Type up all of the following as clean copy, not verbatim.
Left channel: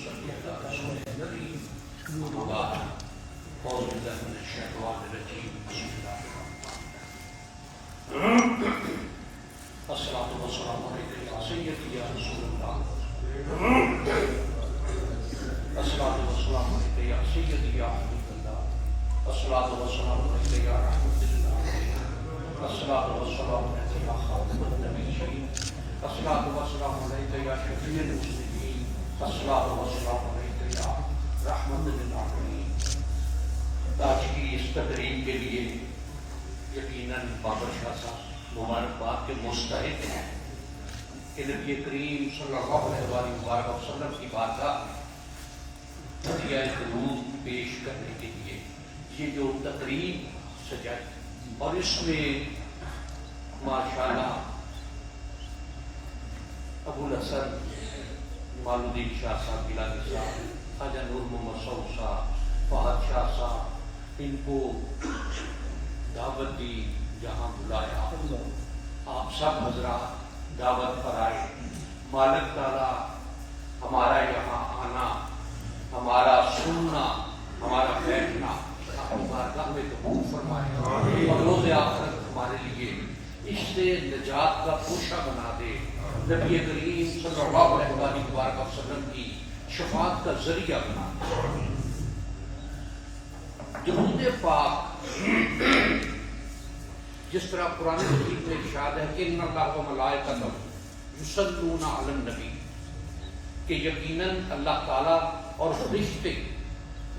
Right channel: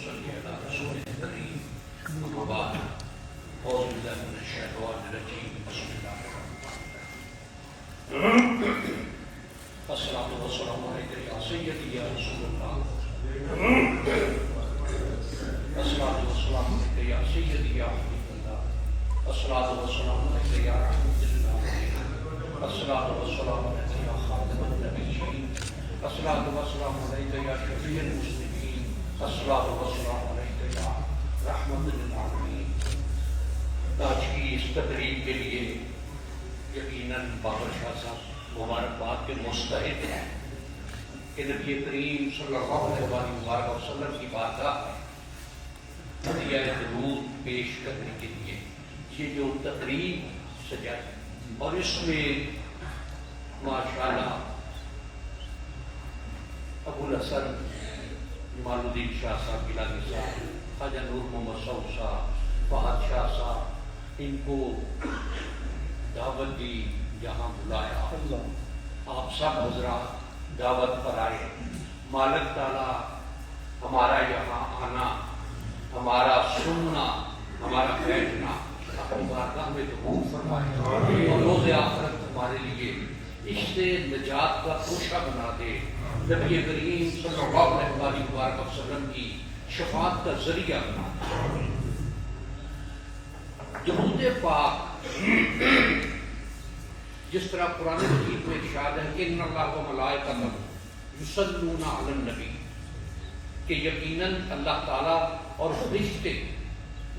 ونصلي على رسوله الكريم أما بعد أعوذ بالله من الشيطان الرجيم بسم الله الرحمن الرحيم الصلاة والسلام عليك يا سيدي يا رسول الله الصلاة والسلام عليك يا سيدي يا حبيب الله الصلاة والسلام عليك يا رحمة الله الصلاة والسلام عليك يا خاتم النبيين الصلاة والسلام عليك يا شفيع المسلمين الصلاة والسلام عليك يا رحمة للعالمين. آج کی اس تقریب کے لیے یقیناً بابر شاہ صاحب مبارکباد کے مستحق ہیں کہ نبی کریم صلی اللہ علیہ وسلم کی بارگاہ ہدیہ درود پیش کرنے کے لیے یہ جو تقریب سجائی اور اس میں ماشاءاللہ ابو الحسن جمال الدین شاہ صاحب گیلانی صاحب خواجہ نور محمد سعود صاحب فہد شاہ صاحب ان کو دعوت دی جہاں بلایا آپ سب حضرات دعوت پر آئے. مالک تعالیٰ ہمارا یہاں آنا ہمارا سننا ہمارا بیٹھنا اپنی بارگاہ میں قبول فرمائے اور روز آخرت ہمارے لیے اس سے نجات کا توشہ بنا دے. نبی کریم صلی اللہ علیہ وسلم کی شفاعت کا ذریعہ بنا دے. درود پاک جس طرح قرآن مجید میں ارشاد ہے کہ ان اللہ و ملائکتہ یصلون علی النبی کہ یقیناً اللہ تعالیٰ اور فرشتے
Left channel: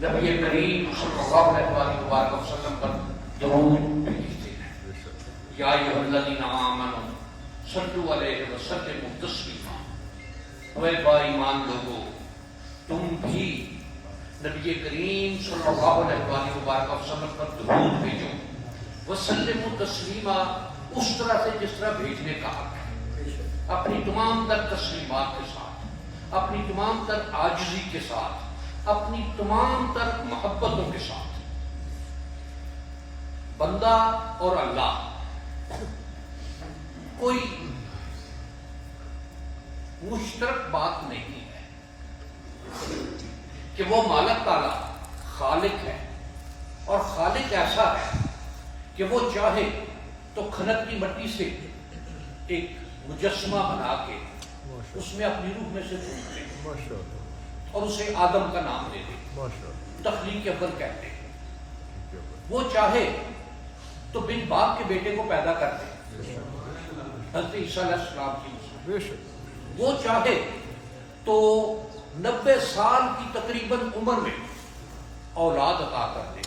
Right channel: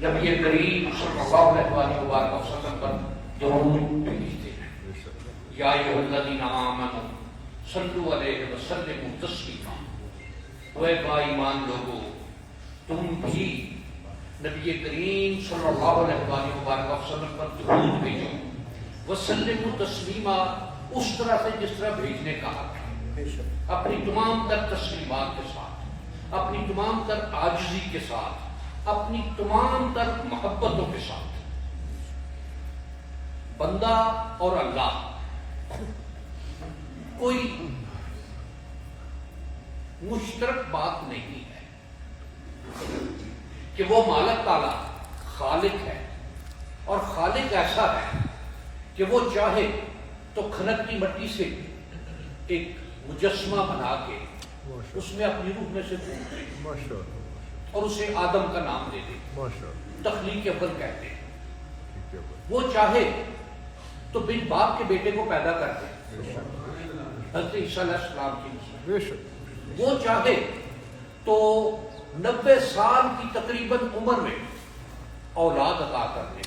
نبی کریم صلی اللہ علیہ وسلم پر درود بھیجتے ہیں. یا ایھا الذین آمنوا صلوا علیہ وسلموا تسلیما. اے با ایمان لوگو تم بھی نبی کریم صلی اللہ علیہ وسلم پر درود بھیجو. وسلموا تسلیما اس طرح سے جس طرح بھیجنے کا حق ہے, اپنی تمام تر تسلیمات کے ساتھ, اپنی تمام تر عاجزی کے ساتھ, اپنی تمام تر محبتوں کے ساتھ. بندہ اور اللہ کوئی مشترک بات نہیں ہے کہ وہ مالک تعالیٰ خالق ہے اور خالق ایسا ہے کہ وہ چاہے تو کھنکتی مٹی سے ایک مجسمہ بنا کے اس میں اپنی روح میں سے اور اسے آدم کا نام دے دے, تخلیق اول کہتے ہیں. وہ چاہے تو بن باپ کے بیٹے کو پیدا کر دے, حضرت عیسیٰ علیہ السلام کی مثال. وہ چاہے تو 90 سال کی تقریباً عمر میں اولاد عطا کر دے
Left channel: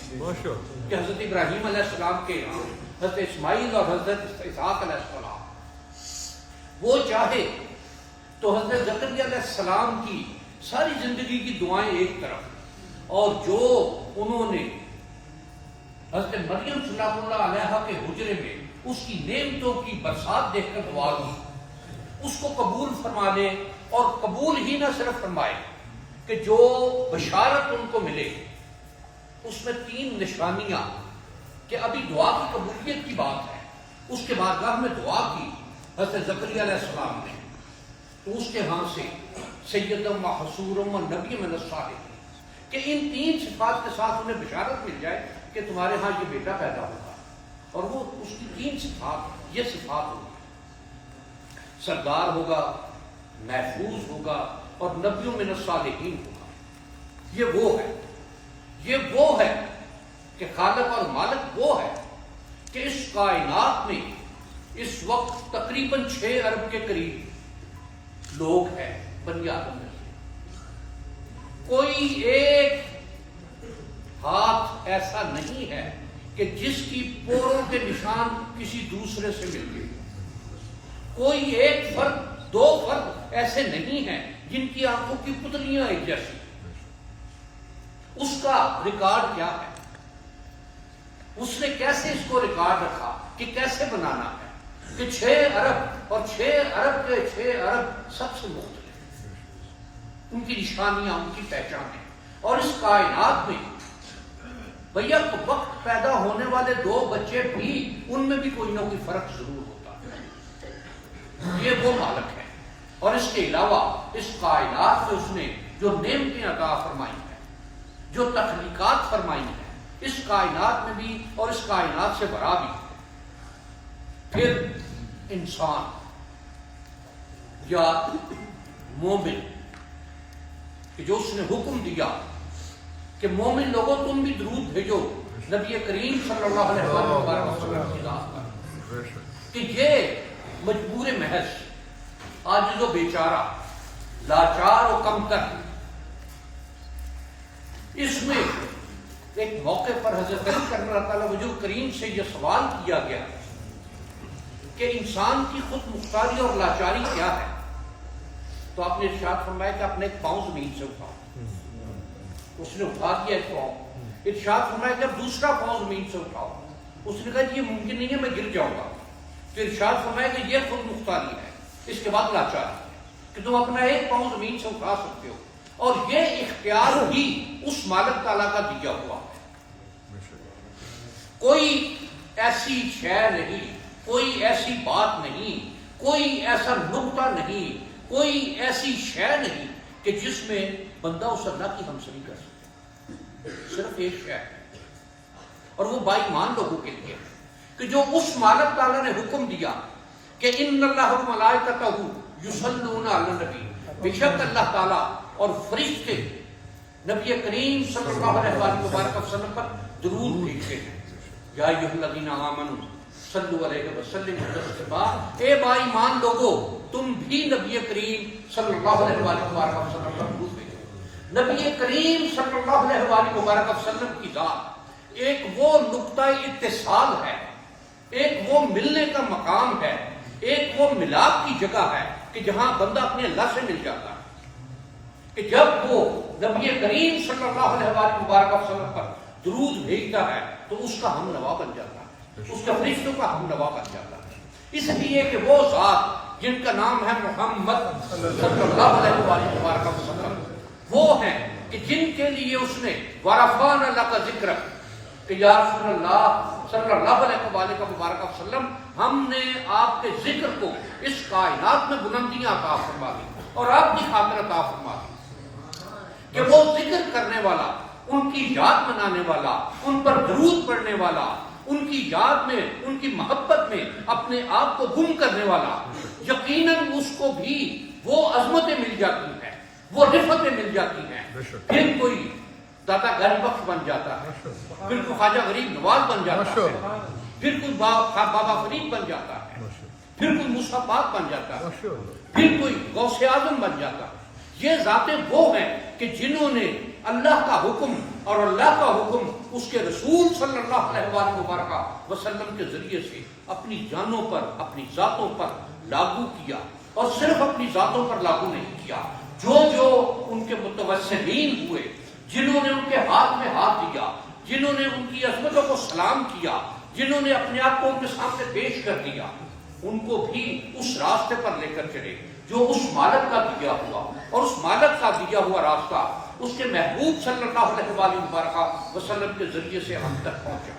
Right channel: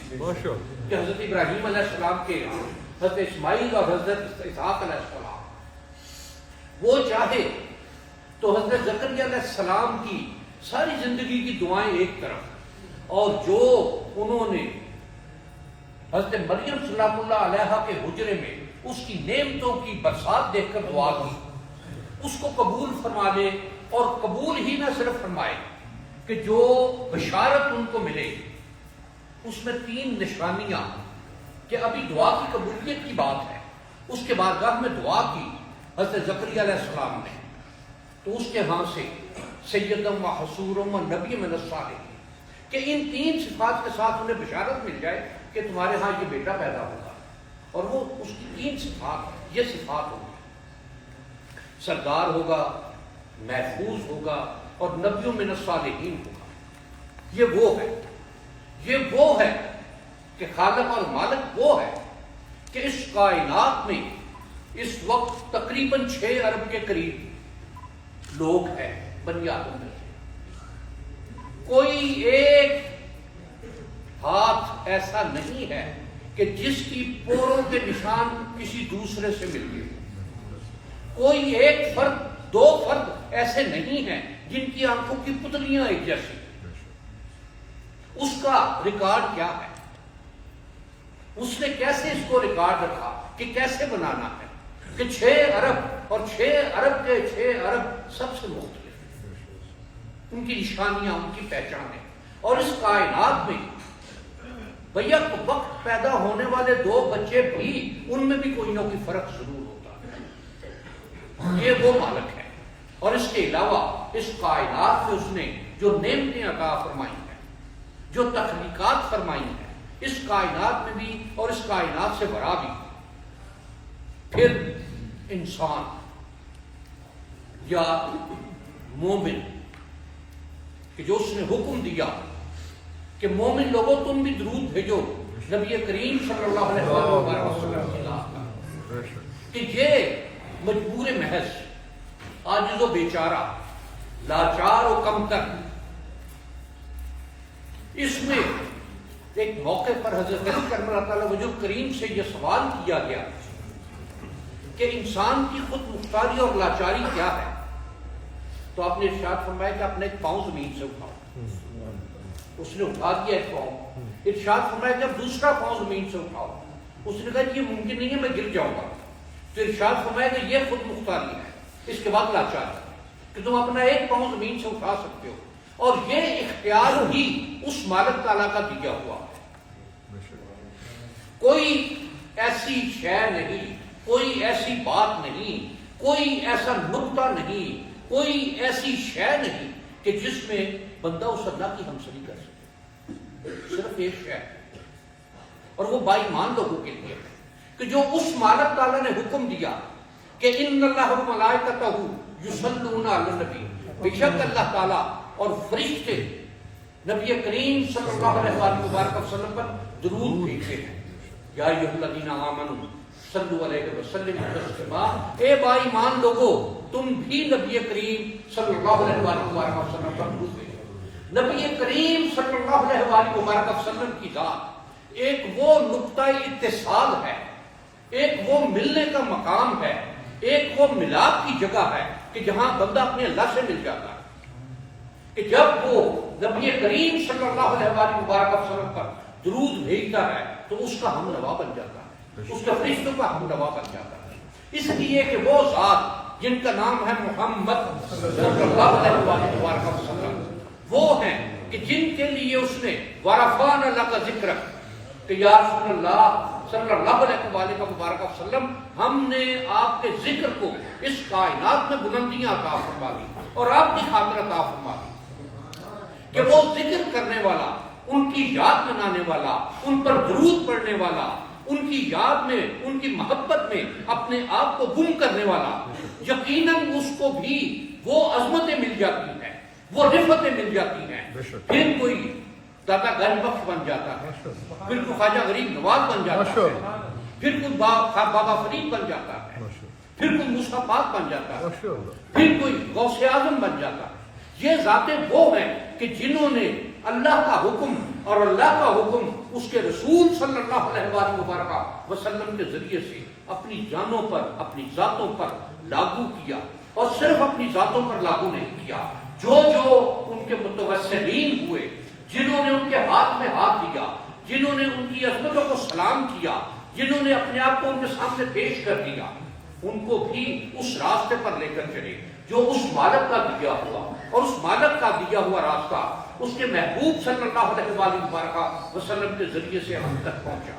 کہ حضرت ابراہیم علیہ السلام کے یہاں حضرت اسماعیل اور حضرت اسحاق علیہ السلام. وہ چاہے تو حضرت زکریا علیہ السلام کی ساری زندگی کی دعائیں ایک طرف اور جو انہوں نے حضرت مریم سلام اللہ علیہا کے حجرے میں اس کی نعمتوں کی برسات دیکھ کر دعا کی, اس کو قبول فرما لے. اور قبول ہی نہ صرف فرمائے کہ جو بشارت ان کو ملے اس میں 3 نشانیاں کہ ابھی دعا کی قبولیت کی بات ہے. اس کے بارگاہ میں دعا کی حضرت زکریا علیہ السلام نے تو اس کے ہاں سے سیدم و حصورم و نبی من الصالحین کہ ان 3 صفات کے ساتھ انہیں بشارت مل جائے کہ تمہارے ہاں یہ بیٹا پیدا ہوگا. اور وہ اس کی 3 صفات یہ صفات ہوگی, سردار ہوگا, محفوظ ہوگا اور نبی من الصالحین ہوگا. یہ وہ ہے کہ خالق اور مالک وہ ہے کہ اس کائنات میں اس وقت تقریباً 6 ارب کے قریب لوگ ہیں بنی آدم میں سے. کوئی ایک ہاتھ ایسا نہیں ہے کہ جس کی پوروں کے نشان کسی دوسرے سے مل گئے. کوئی ایک فرد 2 فرد ایسے نہیں ہیں جن کی آنکھوں کی پتلیاں ایک جیسی. اس کا ریکارڈ کیا ہے, اس نے کیسے اس کو ریکارڈ رکھا کہ کیسے بنانا ہے کہ 6 ارب اور 6 ارب کے 6 ارب سب سے مختلف, ان کی نشانیاں, ان کی پہچانیں. اور اس کائنات میں بھیا وقت پیدا ہونے والے 2 بچے بھی ان میں بھی کوئی نہ کوئی فرق ضرور ہوتا ہے. یہ وہ مالک ہے اور اس کے علاوہ اس کائنات سے اس نے جو نعمتیں عطا فرمائی ہیں، جو تخلیقات فرمائی ہیں، اس کائنات میں بھی اور اس کائنات سے برا بھی، پھر انسان یا مومن کہ جو اس نے حکم دیا کہ مومن لوگوں تم بھی درود بھیجو نبی کریم صلی اللہ علیہ وسلم کی ذات پر، کہ یہ مجبور محض، عاجز و بیچارہ، لاچار و کمتر، اس میں ایک موقع پر حضرت علی کرم اللہ تعالی وجہ کریم سے یہ سوال کیا گیا کہ انسان کی خود مختاری اور لاچاری کیا ہے؟ تو آپ نے ارشاد فرمایا کہ اپنے ایک پاؤں زمین سے اٹھاؤ. اس نے اٹھا دیا ایک پاؤں. ارشاد فرمایا کہ اب دوسرا پاؤں زمین سے اٹھاؤ. اس نے کہا کہ یہ ممکن نہیں ہے، میں گر جاؤں گا. تو ارشاد فرمایا کہ یہ خود مختاری ہے. اس کے بعد لاچاری کہ تم اپنا ایک پاؤں زمین سے اٹھا سکتے ہو، اور یہ اختیار بھی اس مالک تعالیٰ کا دیا ہوا ہے. کوئی ایسی شے نہیں، کوئی ایسی بات نہیں، کوئی ایسا نقطہ نہیں، کوئی ایسی شے نہیں کہ جس میں بندہ اس اللہ کی ہمسری کر سکے. صرف ایک شے ہے، اور وہ با ایمان لوگوں کے لیے ہے کہ جو اس مالک تعالیٰ نے حکم دیا کہ ان اللہ و ملائکتہ یصلون علی النبی، بے شک اللہ تعالیٰ اور فرشتے نبی کریم صلی اللہ علیہ وآلہ وسلم پر درود بھیجتے ہیں. یا ایھا الذین آمنوا صلوا علیہ وسلم تسلیما، اے با ایمان لوگو تم بھی نبی کریم صلی اللہ علیہ وآلہ وسلم پر درود بھیجو. نبی کریم صلی اللہ علیہ وآلہ وسلم کی ذات ایک وہ نقطہ اتصال ہے، ایک وہ ملنے کا مقام ہے، ایک وہ ملاپ کی جگہ ہے کہ جہاں بندہ اپنے اللہ سے مل جاتا ہے. کہ جب وہ نبی کریم صلی اللہ علیہ وآلہ وسلم پر درود بھیجتا ہے تو اس کا ہم نوا بن جاتا ہے، اس کے فرشتوں کا ہم نوا بن جاتا ہے. اس لیے کہ وہ ذات جن کا نام ہے محمد صلی اللہ علیہ وآلہ وسلم، وہ ہیں کہ جن کے لیے اس نے وَرَفَعْنَا لَكَ ذِكْرَكَ، کہ یا رسول اللہ صلی اللہ علیہ وسلم ہم نے آپ کے ذکر کو اس کائنات میں بلندیاں عطا فرما دی اور آپ کی خاطر عطا فرما دی کہ وہ ذکر کرنے والا، ان کی یاد منانے والا، ان پر درود پڑھنے والا، ان کی یاد میں، ان کی محبت میں اپنے آپ کو گم کرنے والا، یقیناً اس کو بھی وہ عظمتیں مل جاتی ہیں، وہ رفتیں مل جاتی ہیں. پھر کوئی داتا گنج بخش بن جاتا ہے، پھر کوئی خواجہ غریب نواز بن جاتا ہے، پھر کوئی بابا فرید بن جاتا ہے، پھر کوئی موسیٰ پاک بن جاتا ہے، پھر کوئی غوث اعظم بن جاتا ہے. یہ ذاتیں وہ ہیں کہ جنہوں نے اللہ کا حکم اور اللہ کا حکم اس کے رسول صلی اللہ علیہ وآلہ وسلم کے ذریعے سے اپنی جانوں پر، اپنی ذاتوں پر لاگو کیا. اور صرف اپنی ذاتوں پر لاگو نہیں کیا، جو ان کے متوسلین ہوئے، جنہوں نے ان کے ہاتھ میں ہاتھ دیا، جنہوں نے ان کی عظمتوں کو سلام کیا، جنہوں نے اپنے آپ کو ان کے سامنے پیش کر دیا، ان کو بھی اس راستے پر لے کر چلے جو اس مالک کا دیا ہوا، اور اس مالک کا دیا ہوا راستہ اس کے محبوب صلی اللہ علیہ وآلہ وسلم کے ذریعے سے ہم تک پہنچا.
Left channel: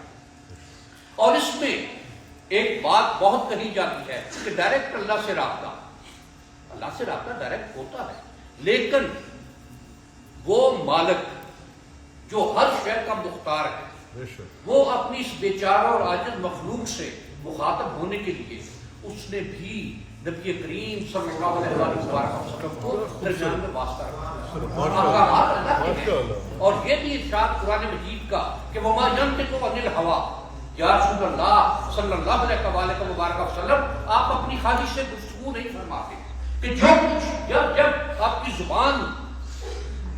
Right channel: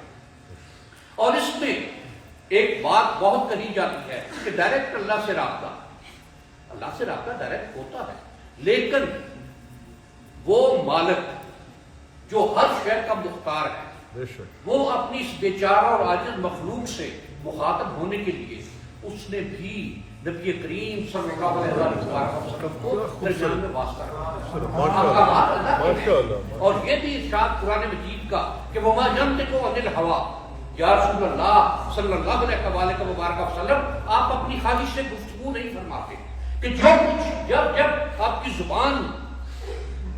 اور اس میں ایک بات بہت کہی جاتی ہے کہ ڈائریکٹ اللہ سے رابطہ ڈائریکٹ ہوتا ہے، لیکن وہ مالک جو ہر شے کا مختار ہے، وہ اپنی اس بیچارہ اور عاجز مخلوق سے مخاطب ہونے کے لیے اس نے بھی نبی کریم صلی اللہ علیہ وسلم کو درمیان میں واسطہ رکھا. اور یہ بھی ارشاد قرآن مجید کا کہ وَمَا يَنطِقُ عَنِ الْهَوَىٰ، یا رسول اللہ صلی اللہ علیہ وسلم آپ اپنی خواہش سے گفتگو نہیں فرماتے، کہ جو کچھ جب آپ کی زبان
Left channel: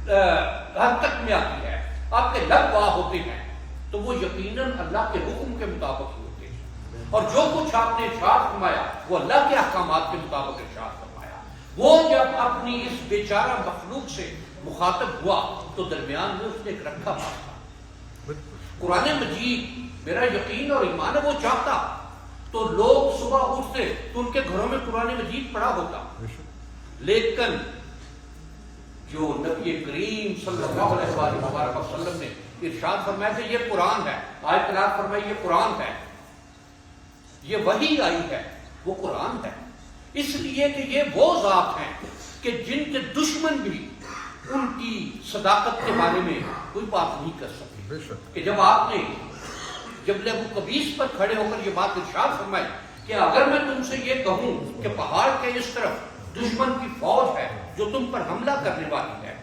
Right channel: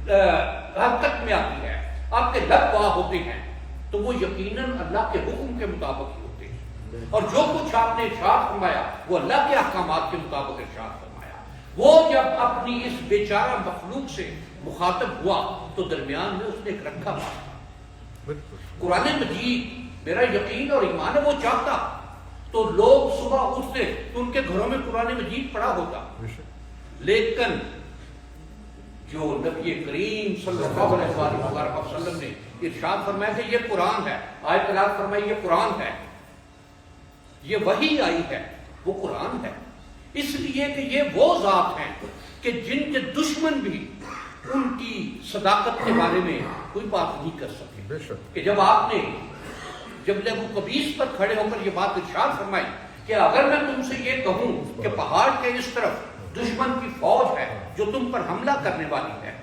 حرکت میں آتی ہے، آپ کے لب واہ ہوتے ہیں، تو وہ یقیناً اللہ کے حکم کے مطابق ہی ہوتے ہیں. اور جو کچھ آپ نے ارشاد فرمایا وہ اللہ کے احکامات کے مطابق ارشاد فرمایا. وہ جب اپنی اس بیچارہ مخلوق سے مخاطب ہوا تو درمیان میں اس نے ایک رکھا واسطہ. قرآن مجید میرا یقین اور ایمان ہے وہ چاہتا تو لوگ صبح اٹھتے تو ان کے گھروں میں قرآن مجید پڑھا ہوتا، لیکن جو نبی کریم صلی اللہ علیہ وآلہ وسلم نے ارشاد فرمایا کہ یہ قرآن ہے، آیت تلاوت فرمائی یہ قرآن ہے، یہ وحی آئی ہے، وہ قرآن ہے. اس لیے کہ یہ وہ ذات ہیں کہ جن کے دشمن بھی ان کی صداقت کے بارے میں کوئی بات نہیں کر سکے. کہ جب آپ نے جبل ابو قبیس پر کھڑے ہو کر یہ بات ارشاد فرمائی کہ اگر میں تم سے یہ کہوں کہ پہاڑ کے اس طرف دشمن کی فوج ہے جو تم پر حملہ کرنے والی ہے،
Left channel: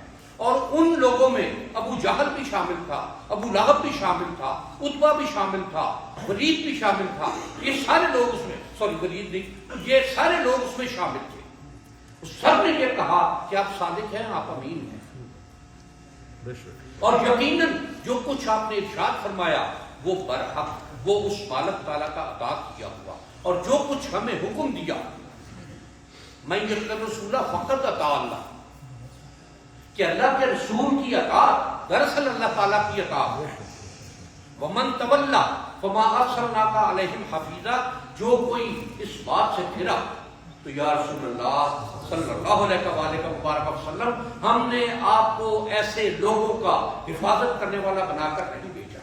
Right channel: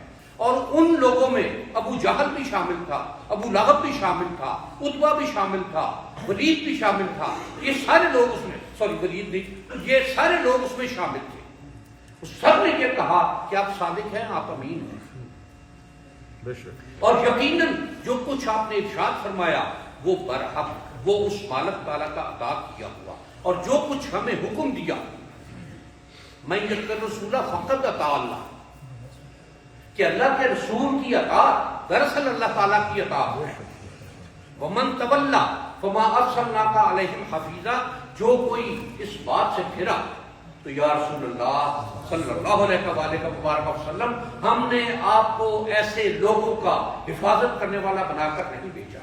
اور ان لوگوں میں ابو جہل بھی شامل تھا، ابو لہب بھی شامل تھا، عتبہ بھی شامل تھا، ولید بھی شامل تھا، یہ سارے لوگ اس میں ولید نہیں، یہ سارے لوگ اس میں شامل تھے. سب نے یہ کہا کہ آپ صادق ہیں، آپ امین ہیں. اور یقیناً جو کچھ آپ نے ارشاد فرمایا وہ برحق، وہ اس مالک تعالیٰ کا عطا کیا ہوا، اور جو کچھ ہمیں حکم دیا میں یطیع الرسول فقط اطاع اللہ، کہ اللہ کے رسول کی اطاعت دراصل اللہ تعالیٰ کی اطاعت ہے. ومن تولی فما ارسلناک علیہم حفیظا، جو کوئی اس بات سے پھرا تو یا رسول اللہ صلی اللہ علیہ وآلہ مبارک وسلم، ہم نے آپ کو ایسے لوگوں کا حفاظت کرنے والا بنا کر نہیں بھیجا.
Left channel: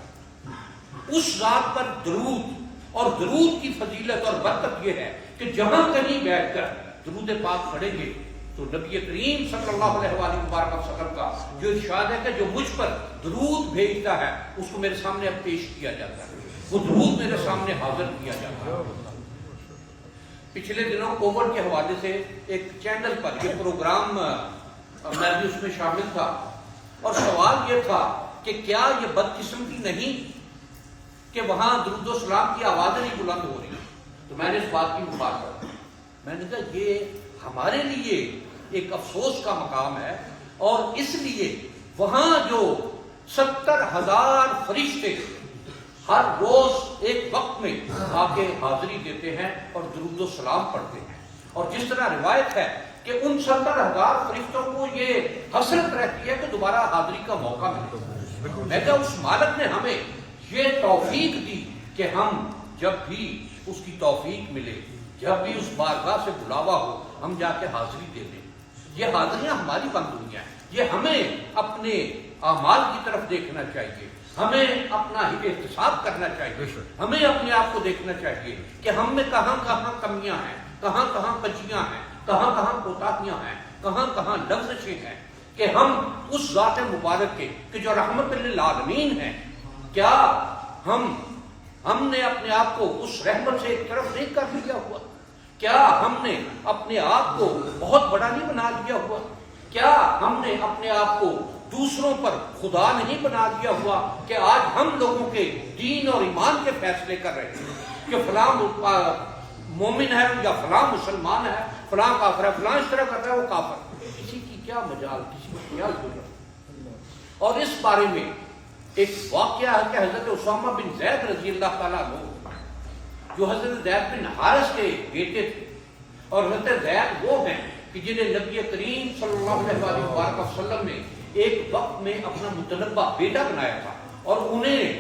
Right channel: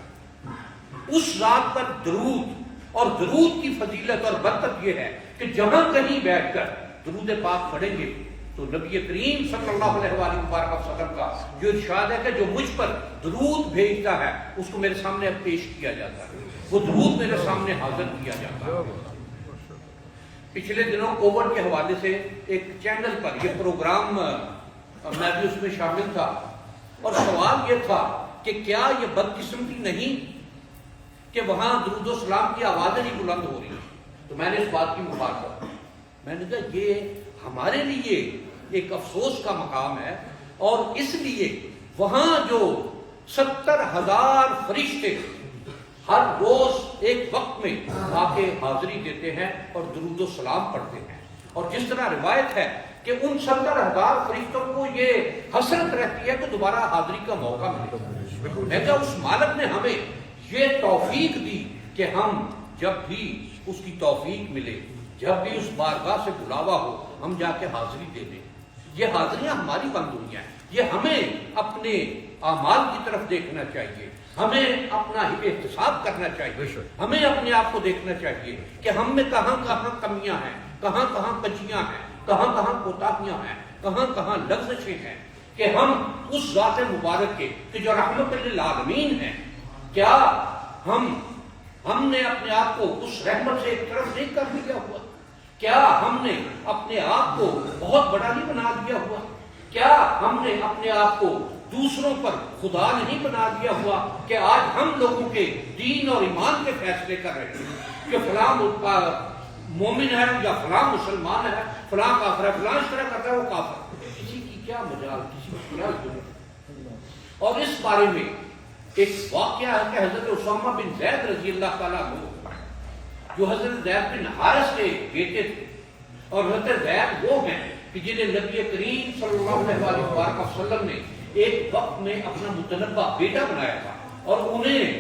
اس ذات پر درود، اور درود کی فضیلت اور برکت یہ ہے کہ جہاں کہیں بیٹھ کر درود پاک پڑھیں گے تو نبی کریم صلی اللہ علیہ وآلہ وبارک وسلم کا جو ارشاد ہے کہ جو مجھ پر درود بھیجتا ہے اس کو میرے سامنے اب پیش کیا جاتا ہے، وہ درود میرے سامنے حاضر کیا جاتا ہے. پچھلے دنوں کووڈ کے حوالے سے ایک چینل پر یہ پروگرام میں بھی اس میں شامل تھا، اور سوال یہ تھا کہ کیا یہ بدقسمتی نہیں کہ وہاں درود و سلام کی آوازیں نہیں بلند ہو رہی. تو میں نے اس بات کی مخالفت، میں نے کہا یہ ہمارے لیے ایک افسوس کا مقام ہے، اور اس لیے وہاں جو 70,000 فرشتے ہر روز ایک وقت میں آ کے حاضری دیتے ہیں اور درود و سلام پڑھتے ہیں، اور جس طرح روایت ہے کہ ان 70,000 فرشتوں کو یہ حسرت رہتی ہے کہ دوبارہ حاضری کا موقع ملے. میں کہا اس مالک نے ہمیں یہ توفیق دی کہ ہم جب بھی اس کی توفیق ملے، جب بھی اس بارگاہ سے بلاوا ہو، ہم جا کے حاضری دے دیں. یہ حاضریاں ہماری بند ہوئی ہیں، یہ ہمیں اپنے اعمال کی طرف دیکھنا چاہیے، ہمیں اپنا احتساب کرنا چاہیے، ہمیں اپنے آپ کو دیکھنا چاہیے کہ ہم میں کہاں کہاں کمیاں ہیں، کہاں کہاں کچیاں ہیں، کہاں کہاں کوتاہیاں ہیں، کہاں کہاں لغزشیں ہیں، کہ ہم اس ذات مبارک کے کہ جو رحمت للعالمین ہے، کیا ہم نے اپنے آپ کو اس رحمت سے ایک طرف دیکھ کر لیا ہوا؟ کیا ہم نے اپنے آپ کو بہت بڑا نہیں بنا لیا ہوا؟ کیا ہم نے اپنے آپ کو دوسروں پر خدا نہیں بنا دیا ہوا کہ آج ہم لوگوں کے دین اور ایمان کے فیصلے کر رہے ہیں کہ فلاں مومن ہے یا فلاں مسلمان ہے، فلاں کافر ہے، فلاں اس طرح کر رہا ہے وہ کافر. کسی کی کیا مجال، کسی کی کیا ضرورت. اور اس بارے میں ایک واقعہ ہے کہ حضرت اسامہ بن زید رضی اللہ تعالیٰ عنہ، جو حضرت زید بن حارث کے بیٹے تھے، اور حضرت زید وہ ہیں کہ جنہیں نبی کریم صلی اللہ علیہ وسلم نے ایک وقت میں اپنا متنبع بیٹا بنایا تھا، اور انہیں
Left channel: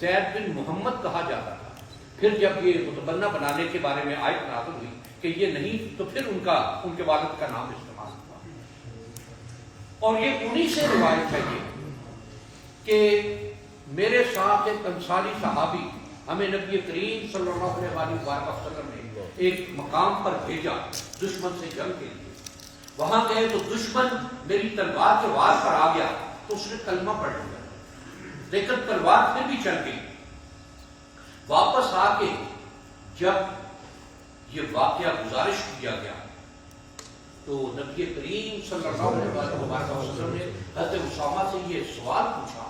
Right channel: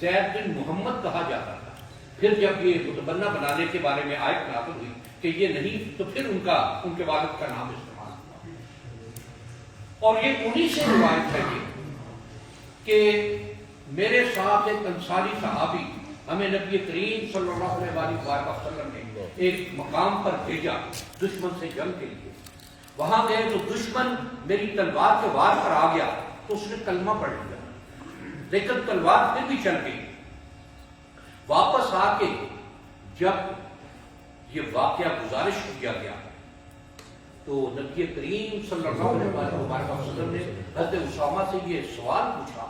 زید بن محمد کہا جاتا تھا. پھر جب یہ متبنہ بنانے کے بارے میں آیت نازل ہوئی کہ یہ نہیں، تو پھر ان کے والد کا نام استعمال ہوا. اور یہ انہی سے روایت ہے کہ میرے ساتھ ایک انصاری صحابی ہمیں نبی کریم صلی اللہ علیہ وسلم نے ایک مقام پر بھیجا دشمن سے جنگ کے لیے. وہاں گئے تو دشمن میری تلوار کے وار پر آ گیا تو اس نے کلمہ پڑھ لیا، لیکن تلوار پھر بھی چل گئی. واپس آ کے جب یہ واقعہ گزارش کیا گیا تو نبی کریم صلی اللہ علیہ وسلم نے حضرت اسامہ سے یہ سوال پوچھا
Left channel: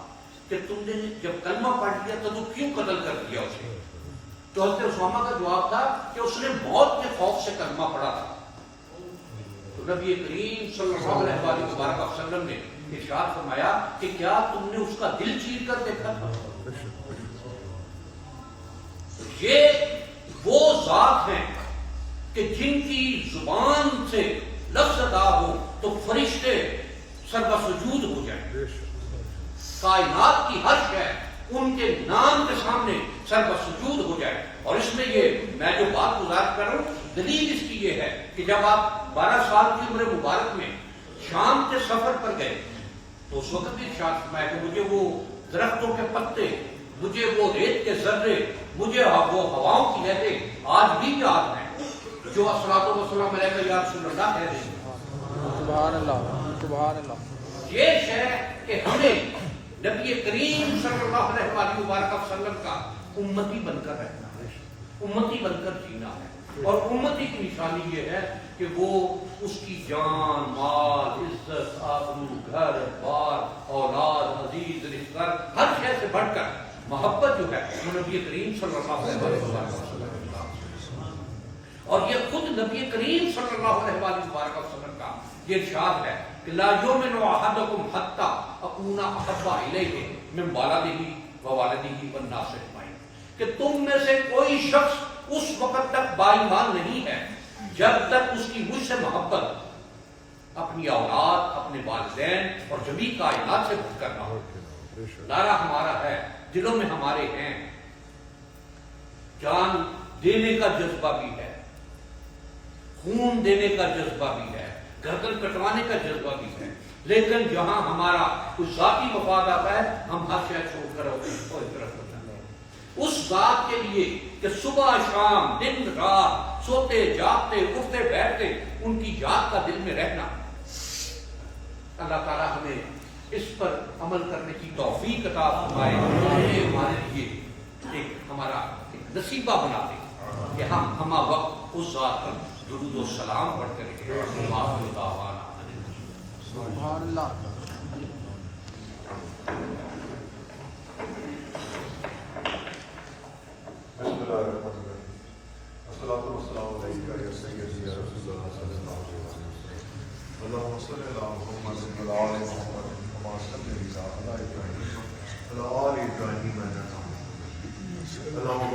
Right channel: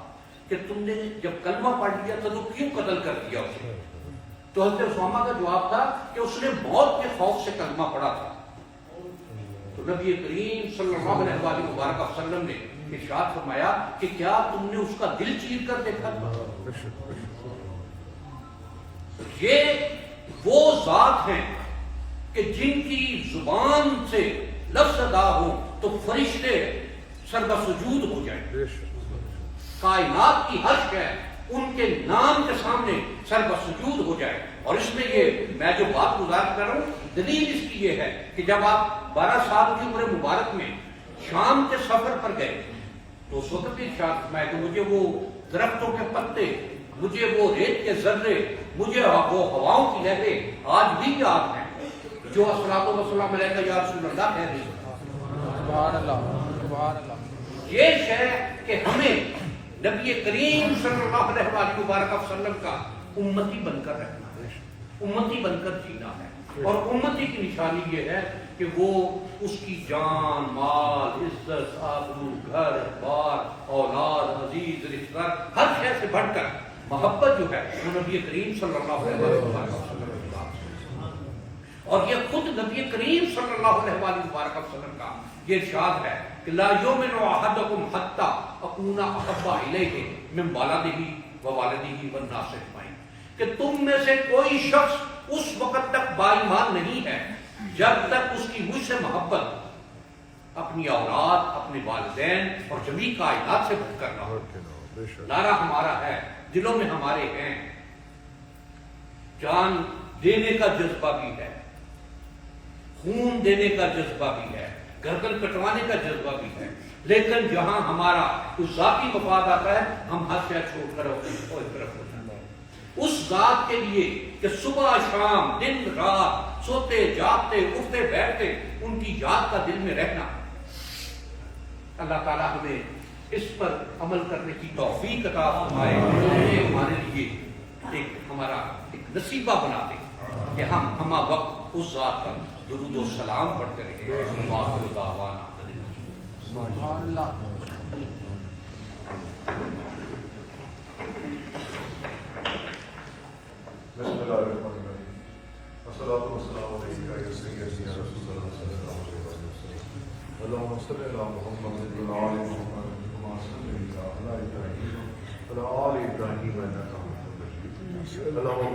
کہ تم نے جب کلمہ پڑھ لیا تو کیوں قتل کر دیا اسے؟ تو حضرت اسامہ کا جواب تھا کہ اس نے موت کے خوف سے کلمہ پڑھا تھا. تو نبی کریم صلی اللہ علیہ وسلم نے ارشاد فرمایا کہ کیا تم نے اس کا دل چیر کر دیکھا تھا؟ یہ وہ ذات ہیں کہ جن کی زبان سے لفظ ادا ہو تو فرشتے سر سجود ہو جائیں. کائنات کی ہر شے ان کے نام کے سامنے سر سجود ہو جائے. اور اس میں یہ میں جو بات گزارش کر رہا ہوں، دلیل اس کی یہ ہے کہ جب آپ 12 سال کی عمر مبارک میں شام کے سفر پر گئے تو اس وقت بھی ارشاد فرمایا کہ مجھے وہ درختوں کے پتے، مجھے وہ ریت کے ذرے، مجھے وہ ہواؤں کی لہریں آج بھی یاد ہیں. جو الصلاۃ والسلام علیہ یا رسول اللہ کہہ رہے ہیں. یہ شے کہ ہمیں نبی کریم صلی اللہ علیہ وآلہ وبارک وسلم کا امتی بن کر رہنا ہے، امتی بن کر جینا ہے. اور امتی کی نشانی یہ ہے کہ وہ اس کی جان، مال، عزت، آبرو، گھر بار، اولاد، عزیز، رشتہ دار، ہر شے سے بڑھ کر محبت جو ہے وہ نبی کریم صلی اللہ علیہ وسلم کا. اور یہ خود نبی کریم صلی اللہ علیہ وآلہ وسلم کا یہ ارشاد ہے کہ لا یؤمن احدکم حتی اکون احب الیہ من ولدہ ووالدہ والناس اجمعین، کہ تم میں سے کوئی شخص اس وقت تک با ایمان نہیں ہے جب تک اس کی مجھ سے محبت اپنی اولاد، اپنے والدین اور جمیع کائنات سے بڑھ کر نہ ہو. نعرہ ہمارا ہے، دلوں میں ہمارے ہیں، جان دینے کا جذبہ بھی ہے، خون دینے کا جذبہ بھی ہے، گردن کٹوانے کا جذبہ بھی ہے، لیکن جہاں ہمارا کچھ ذاتی مفاد آتا ہے ہم ہر شے چھوڑ کر اور اس طرف ہو جاتے ہیں. اس ذات کے لیے کہ صبح شام دن رات سوتے جاگتے اٹھتے بیٹھتے ان کی یاد کا دل میں رہنا، اللہ تعالیٰ ہمیں اس پر عمل کرنے کی توفیق عطا فرمائے. یہ ہمارے لیے ہمارا ایک نصیبہ بنا دے کہ ہم ہمہ وقت اس ذات پر درود و سلام پڑھتے رہے. وآخر دعوانا اللهم صل على محمد وعلى آل محمد كما صليت على إبراهيم وعلى آل إبراهيم إنك حميد مجيد. اللهم